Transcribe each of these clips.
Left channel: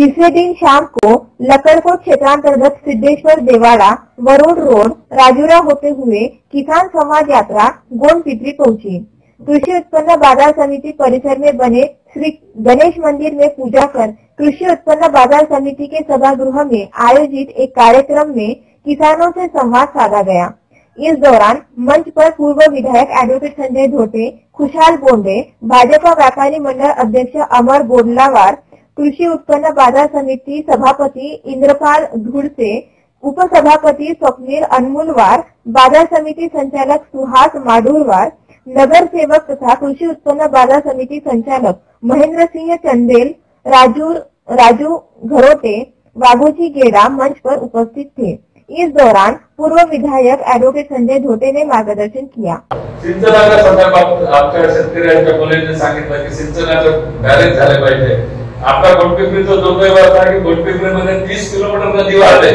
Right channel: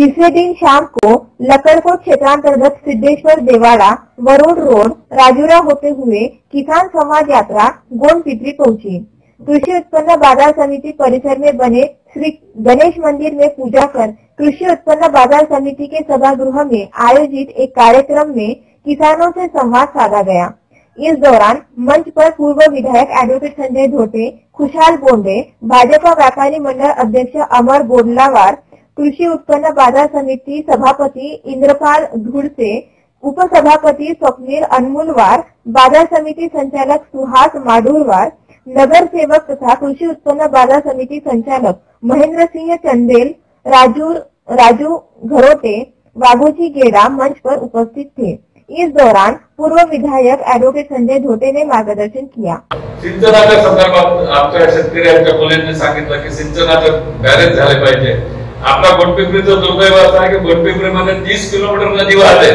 तीसरे दिन शाम को लकड़कोट क्षेत्रांतर्गत सिद्धेश्वर देवाड़ा वरुण रोड राजूरा होते हुए किसान समाज यात्रा गोंड पिपरी पहुंची। कृषि उत्पन्न बाजार समिति परिसर में बने श्री गणेश मंदिर में पूजा कर कृषि उत्पन्न बाजार समिति के सभागृह में आयोजित एक कार्यक्रम में किसानों से संवाद साधा गया। इस दौरान मंच पर पूर्व विधायक एडवोकेट संजय धोटे, खुशहाल बोंडे, भाजपा व्यापारी मंडल अध्यक्ष अमर बोडलावार, कृषि उत्पन्न बाजार समिति सभापति इंद्रपाल धुड़से, उपसभापति स्वप्नील अनमुलवार, बाजार समिति संचालक सुहास माडुरवार, नगर सेवक तथा कृषि उत्पन्न बाजार समिति संचालक महेंद्र सिंह चंदेल, राजू घरोटे, वाघोजी गेड़ा मंच पर उपस्थित थे। इस दौरान पूर्व विधायक एडवोकेट संजय धोटे ने मार्गदर्शन किया। सिंचनाच्या संदर्भात आमच्या शेतकऱ्यांच्या मुलींनी सांगितलं की सिंचनाचे बॅरेज झाले पाहिजे। आपला गोंडपिंपरीचा दुर्दैव असा आहे की गोंडपिंपरीमध्ये 30 किलोमीटर नदी वाहते,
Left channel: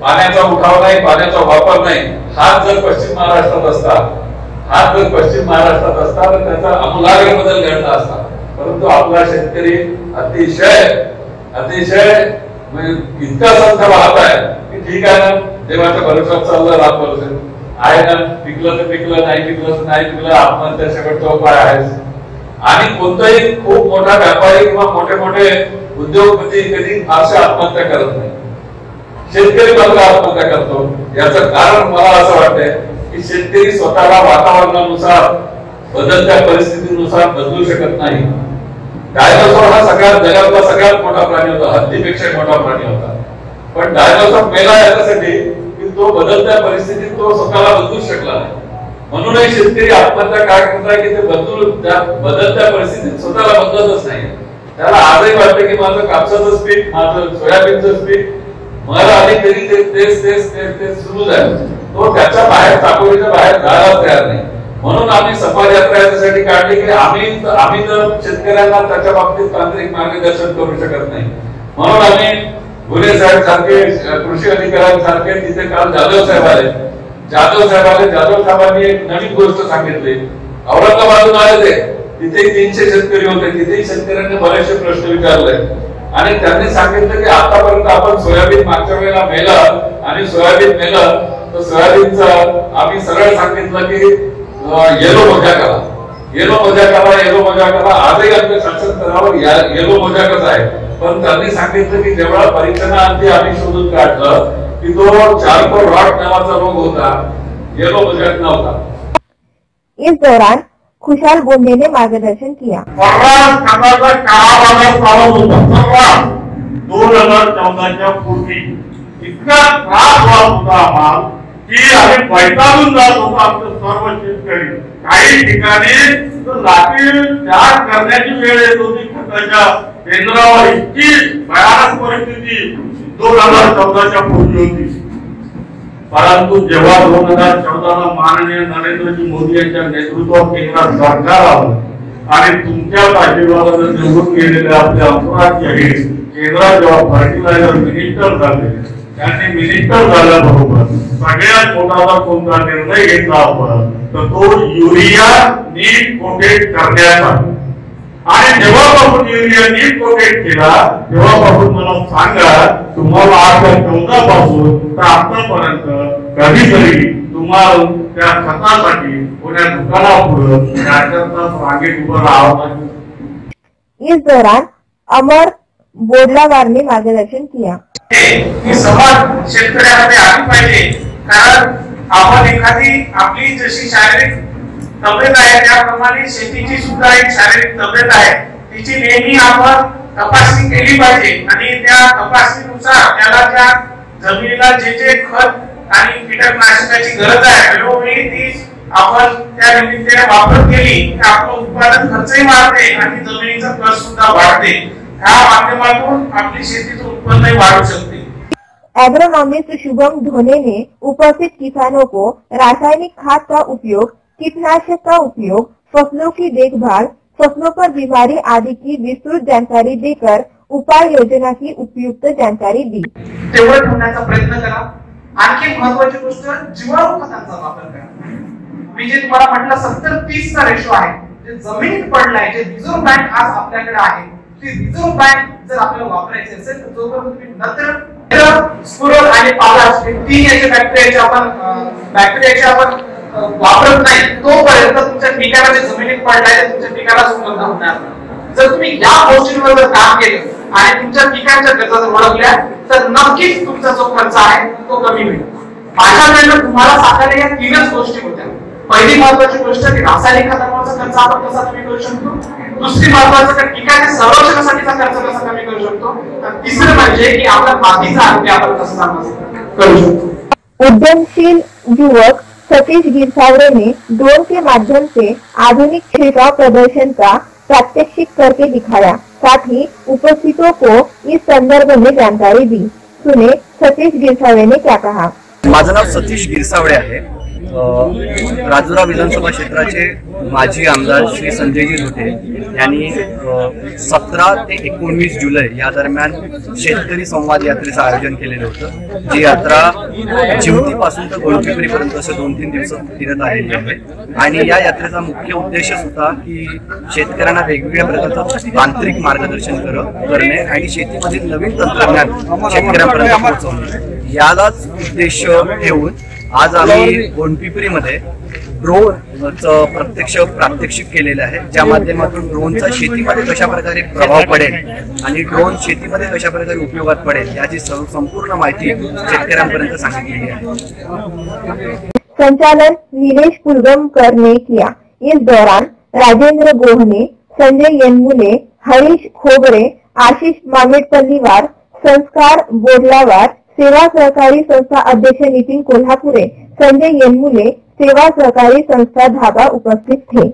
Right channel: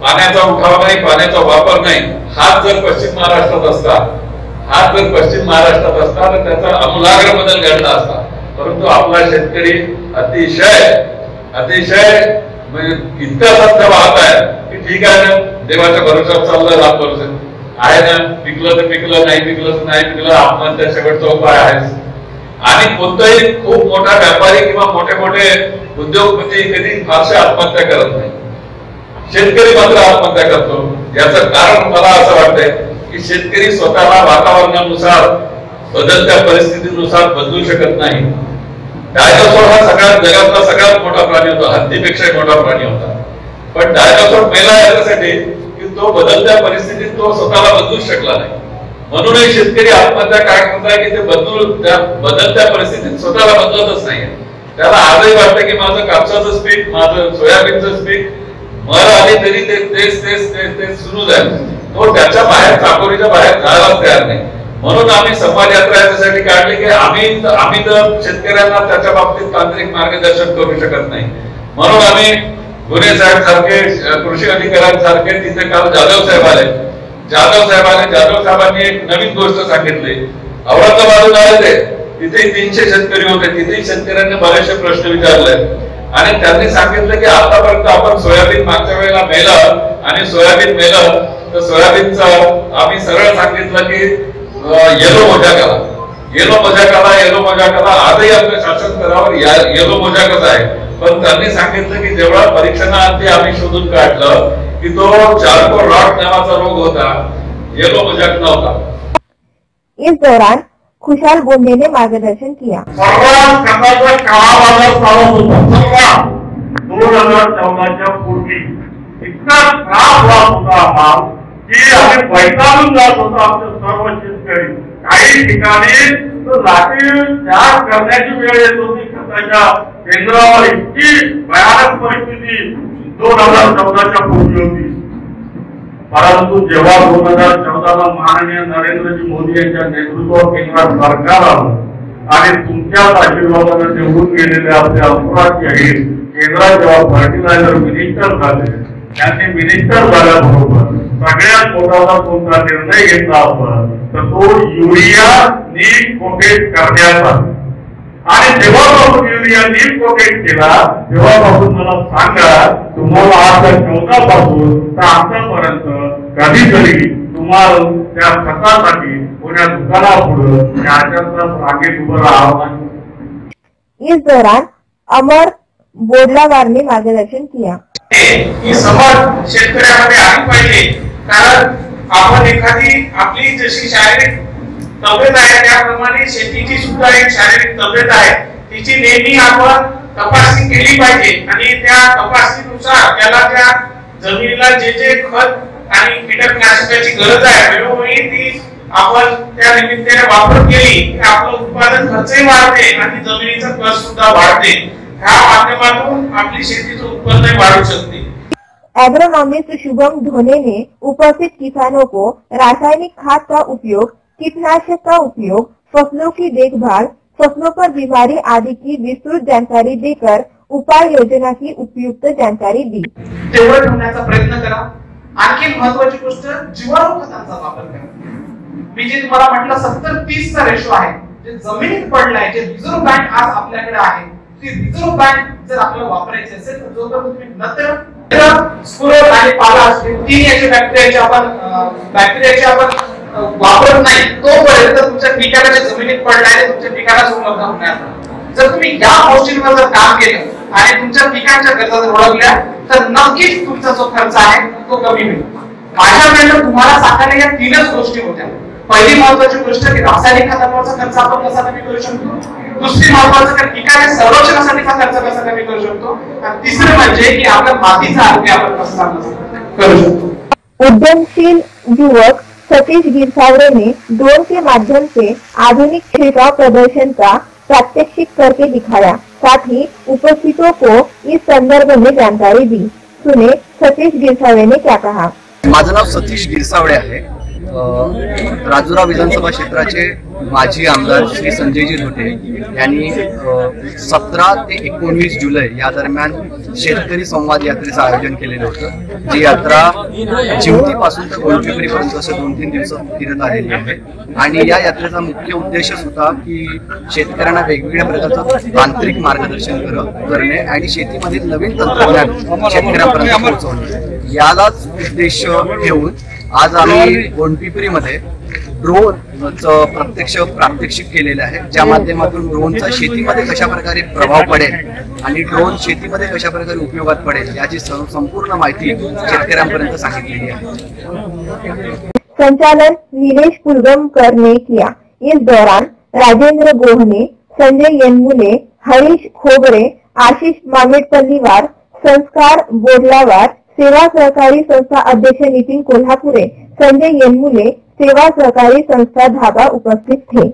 पाण्याचा उठाव नाही, पाण्याचा वापर नाही। हाच जर पश्चिम महाराष्ट्रात असता तर त्याचा आमूलाग्र बदल घडला असता, परंतु आपला शेतकरी अतिशय म्हणजे इतका संत वाहत आहे की ठीक आहे ना, देवाच्या भरोश्यावर चाललं, रात भरोसे आहे ना, पिकलं तर पिकलं, नाही पिकलं तर नाही पिकलं, आत्महत्या शेवटचा उपाय आहे। आणि कोणताही खूप मोठा व्यापारी किंवा मोठे मोठे उद्योगपती कधी फारशा आत्महत्या करत नाही, शेतकरी मात्र आत्महत्या करतो। याचं कारण मला असं वाटतंय की शेतकरी स्वतःला वातावरणानुसार बदलत्या परिस्थितीनुसार बदलू शकत नाही। डायनोसॉर हा जगातला सगळ्यात मोठा प्राणी होता, हत्तीपेक्षा मोठा प्राणी होता, पण डायनोसॉर मेला याच्यासाठी की तो बदलत्या परिस्थितीत तो स्वतःला बदलू शकला नाही। म्हणूनच शेतकरी आत्महत्या काय करताय की ते बदलत्या परिस्थितीत स्वतःला बदलतच नाही। त्याला आजही वाटतं की माझं कापसाचं पीक, माझं सोयाबीनचं पीक मर आली तरी ते सुरू झालं, तो त्याच्या बाहेर चाकोरीच्या बाहेर जायला तयार नाही। म्हणून आम्ही समाज यात्रा याच्यासाठी काढली की आम्ही तर शेतकऱ्यांना त्याच्या बाबतीत तांत्रिक मार्गदर्शन करू शकत नाही, म्हणून आम्ही गुन्हे साहेब सारखे, कृषी अधिकाऱ्यांसारखे तिथे काल जाधव साहेबांनी एक नवीन गोष्ट सांगितली। औरंगाबादहून आले ते, तिथे 300 शेतकरी होते, तिथे शेतकऱ्यांनी बरेचसे प्रश्न विचारले आणि त्यांनी सांगितलं की आतापर्यंत आपण सोयाबीन मागच्या वेळेला मेलं आणि सोयाबीन मेलं तर सोयाबीनचं आम्ही सरळ सांगितलं की येलो मोजा करा। आजही आमच्या शासन स्तरावर येलो मोजाकच आहे, पण त्यांनी सांगितलं की जेव्हा परीक्षणाअंती आम्ही शोधून काढलं की तो चारको रॉट नावाचा रोग होता, येलो मोजाक नव्हता। इस दौरान खुशहाल बोंडे ने मार्गदर्शन किया। 2014च्या पूर्वी इतका त्रास होत होता आम्हाला की आम्ही वैतागून जात होतो। आमचे सर्व शेतकरी काही ठिकाणी लाठी चार्ज करण्याची वेळ येत होती खताच्या केंद्रावर। इतकी भयानक परिस्थिती 2014च्या पूर्वी होती, परंतु जेव्हा 2014ला माननीय नरेंद्रजी मोदी यांच्या नेतृत्वात केंद्रात सरकार आलं आणि तुमच्याच आशीर्वादाने निवडून गेलेले आपले अंतराजी आहे केंद्रात जेव्हा फर्टिलायझर मिनिस्टर झाले, त्यांनी मिनिस्टर झाल्याबरोबर सगळ्यात मोठा कोणता निर्णय घेतला आपण तर तो युरिया नीट कोटेड करण्याचा। आणि जेव्हापासून युरिया नीट कोटेड केला तेव्हापासून मला सांगा, तुम्हाला 2014 पासून तर आतापर्यंत कधीतरी तुम्हाला त्या खतासाठी कोण्या दुकानापुढे 4 तास रांगेत उभं राहावं लागलं। इस दौरान अमर बोडलावार ने मार्गदर्शन किया। ही समाज शेतकऱ्यामध्ये आली पाहिजे, कारण आपण एखादी आपली जशी शारीरिक तब्येत आहे त्याप्रमाणे शेतीची सुद्धा एक शारीरिक तब्येत आहे, तिची नेहमी आपण तपासणी केली पाहिजे आणि त्या तपासणीनुसार त्याला त्या जमिनीला जे खत आणि कीटकनाशकाची गरज आहे वेळोवेळी ती आपण त्या निमित्ताने वापर केली की आपलं उत्पादन खर्चही वाढते आणि जमिनीचा कस सुद्धा वाढते। ह्या माध्यमातून आपली शेतीचं उत्पन्न वाढू शकते। एग्रोनॉमिस्ट शुभम धोने ने उपस्थित किसानों को रासायनिक खाद का उपयोग, कीटनाशक का उपयोग, फसलों की देखभाल, फसलों पर बीमारी आदि की विस्तृत जानकारी देकर उपाय योजना की उपयुक्त जानकारी दी। तेवढं ठेवण्याचा प्रयत्न करा। आणखी महत्त्वाची गोष्ट जीवाणू खतांचा वापर करा। मी जे तुम्हाला म्हटलं 70-30 चा रेशो आहे, जे जमिनीत पडलाय, जे रिझर्व्ह बँक आज आपल्याकडे आहे ती रिझर्व्ह बँक जर आपल्याला वापरायची असेल तर जोपर्यंत तुम्ही नत्र स्फुरद आणि पालाश हे तीन याचे बॅक्टेरियाचे आपण वापरत नाही तोपर्यंत तुमच्या पिकाला जे जमिनीत पडणार तुमच्या पिकाला उपलब्ध होणार. जर तुम्ही या गोष्टींवर जर काम केलं आणि तुमच्या पिकांच्या गरजा जर ओळखल्या तर नक्कीच तुमचा जो खर्च आहे तो कमी होईल. माझ्या वेळेला तुम्हाला सांगायला या तीनच गोष्टी होत्या. पहिली महत्वाची गोष्ट की रासायनिक खतांवरचा खर्च आपण कसा कमी करू शकतो, दुसरी महत्वाचं की पिकाच्या संरक्षणासाठीचा खर्च कसा कमी करू शकतो, आणि तिसरं म्हणजे की आपल्या मातीचं आरोग्य आपण कसं चांगलं करू शकतो. उद्यमशील युवक सतीश गिरसावरे ने ड्रोन के माध्यम से आधुनिक छिड़काव प्रदर्शन का प्रात्यक्षिक करके दिखाया, साथ ही उपस्थितों को इस संदर्भ में जानकारी दी. सुने सतीश गिरसावरे ने क्या कहा. माझं नाव सतीश गिरसावडे आहे. राजुरा विधानसभा क्षेत्राचे माजी आमदार श्री संजयजी धोटे यांनी 17 ते 19 जुलै या दरम्यान शेतकरी संवाद यात्रेचं आयोजन केलेलं होतं. जी यात्रा चिवतीपासून तर गोलपिपरीपर्यंत असे 2-3 दिवस फिरत आलेली आहे. आणि या यात्रेचा मुख्य उद्देशच होता की शेतकऱ्यांना वेगवेगळ्या प्रकारचं तांत्रिक मार्गदर्शन करणे आणि शेतीमधील नवीन तंत्रज्ञान शेतकऱ्यांपर्यंत पोहोचवणे, यालाच उद्देश ठेवून आज आम्ही गोंडपिपरीमध्ये ड्रोनचं प्रत्यक्ष प्रात्यक्षिक केलेलं आहे, ज्या माध्यमातून ड्रोनचा शेतीमध्ये कशा प्रकारे प्रभाव पडेल आणि ड्रोन शेतीमध्ये कशा प्रकारे उपयोगात पडेल याची संपूर्ण माहिती शेतकऱ्यांपर्यंत सांगितलेली आहे. संचालन नीलेश पुलगमकर ने किया. इस दौरान राजेंद्र गोहने, संजय येनमुले, हरीश खोबरे, आशीष मामेटपल्लीवार, संस्कार बोडलावार, सेवा सहकारी संस्था अध्यक्ष नितिन कोल्हापुरे, संजय येनमुले, सेवा सहकारी संस्था धाबा उपस्थित थे.